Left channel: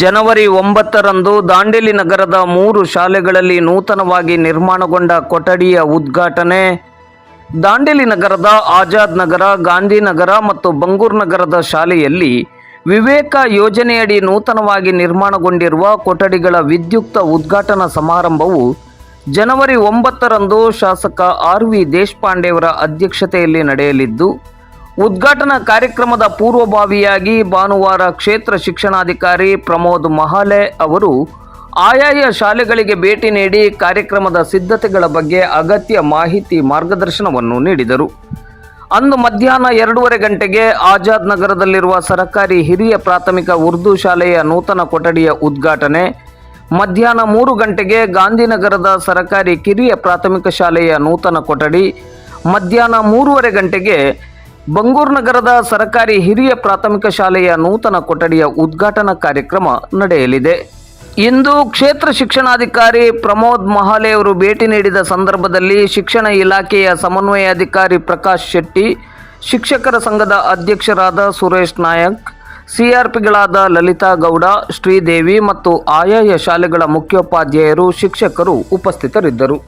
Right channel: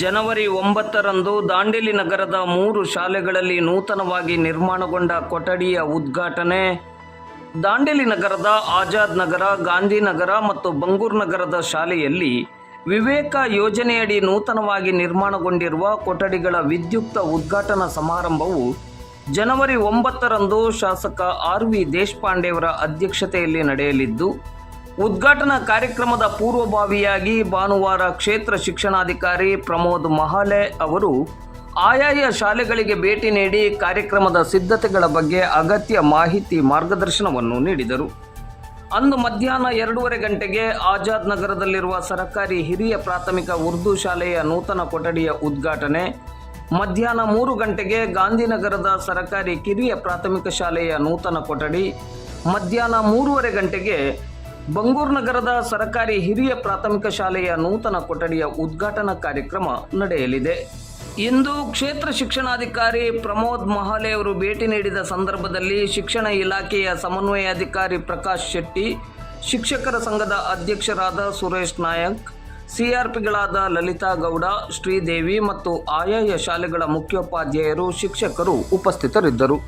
ಜನವರಿ 9ರಂದು ದಾಂಡೇಲಿ ನಗರದ 3 ಶಾಲೆಗಳಲ್ಲಿ ನೂತನವಾಗಿ ನಿರ್ಮಾಣಗೊಂಡ ಕೊಠಡಿಯ ಉದ್ಘಾಟನೆ. ದಾಂಡೇಲಿ ನಗರದ ಆಜಾದ್ ನಗರ, ಗಾಂಧಿನಗರ ಮತ್ತು ಬಂಗೂರ್ ನಗರದ ಶಾಲೆಯಲ್ಲಿ ವಿವೇಕ ಯೋಜನೆಯಡಿ ನೂತನವಾಗಿ ನಿರ್ಮಾಣಗೊಂಡಿರುವ ಕೊಠಡಿಗಳ ವಿದ್ಯುಕ್ತ ಉದ್ಘಾಟನಾ ಸಮಾರಂಭವು ಜನವರಿ 9ರಂದು ಶಾಸಕ ಆರ್.ವಿ. ದೇಶಪಾಂಡೆಯವರ ಅಧ್ಯಕ್ಷತೆಯಲ್ಲಿ ನಡೆಯಲಿದ್ದು, ಉದ್ಘಾಟನಾ ಕಾರ್ಯಕ್ರಮದ ಪೂರ್ವಭಾವಿಯಾಗಿ ಭಾನುವಾರ ಕ್ಷೇತ್ರ ಶಿಕ್ಷಣಾಧಿಕಾರಿ ಪ್ರಮೋದ್ ಮಹಾಲೆ ಅವರು ಆಯಾಯ ಶಾಲೆಗಳಿಗೆ ಭೇಟಿ ನೀಡಿ ಕಾರ್ಯಕ್ರಮದ ಸಿದ್ಧತೆಗಳ ಬಗ್ಗೆ ಅಗತ್ಯ ಮಾಹಿತಿ ಮಾರ್ಗದರ್ಶನವನ್ನು ನೀಡಿದರು. ಅಂದು ಮಧ್ಯಾಹ್ನ 2:30 ಗಂಟೆಗೆ ಆಜಾದ್ ನಗರದಲ್ಲಿರುವ ಸರ್ಕಾರಿ ಹಿರಿಯ ಪ್ರಾಥಮಿಕ ಉರ್ದು ಶಾಲೆಯ ನೂತನ ಕೊಠಡಿಯ ಉದ್ಘಾಟನೆ, ಮಧ್ಯಾಹ್ನ 3 ಗಂಟೆಗೆ ಗಾಂಧಿನಗರದ ಸರ್ಕಾರಿ ಕಿರಿಯ ಪ್ರಾಥಮಿಕ ಶಾಲೆಯ ನೂತನ ಕೊಠಡಿ, ಮಧ್ಯಾಹ್ನ 3:30 ಗಂಟೆಗೆ ಬಂಗೂರ್ ನಗರದ ಸರ್ಕಾರಿ ಹಿರಿಯ ಪ್ರಾಥಮಿಕ ಶಾಲೆಯ ನೂತನ ಕೊಠಡಿಯ ಉದ್ಘಾಟನಾ ಕಾರ್ಯಕ್ರಮ ನಡೆಯಲಿದೆ. ಇಂದು ಕ್ಷೇತ್ರ ಶಿಕ್ಷಣಾಧಿಕಾರಿ ಪ್ರಮೋದ್ ಮಹಾಲೆ ಅವರು ಭೇಟಿ ನೀಡಿದ ಸಂದರ್ಭದಲ್ಲಿ ಶಿಕ್ಷಣ ಇಲಾಖೆಯ ಸಮನ್ವಯಾಧಿಕಾರಿ ಪ್ರಕಾಶ್ ಶೆಟ್ಟಿ, ಶಿಕ್ಷಕರ ಸಂಘದ ಅಧ್ಯಕ್ಷರಾದ ಸುರೇಶ್ ನಾಯಕ್, ಸಿಆರ್ಪಿಗಳಾದ ಲಲಿತಾ ಗೌಡ, ಶ್ರೀದೇವಿ ಮತ್ತು ಆಯಾಯ ಶಾಲೆಗಳ ಮುಖ್ಯೋಪಾಧ್ಯಾಯರು, ಶಿಕ್ಷಕರು ಉಪಸ್ಥಿತರಿದ್ದರು.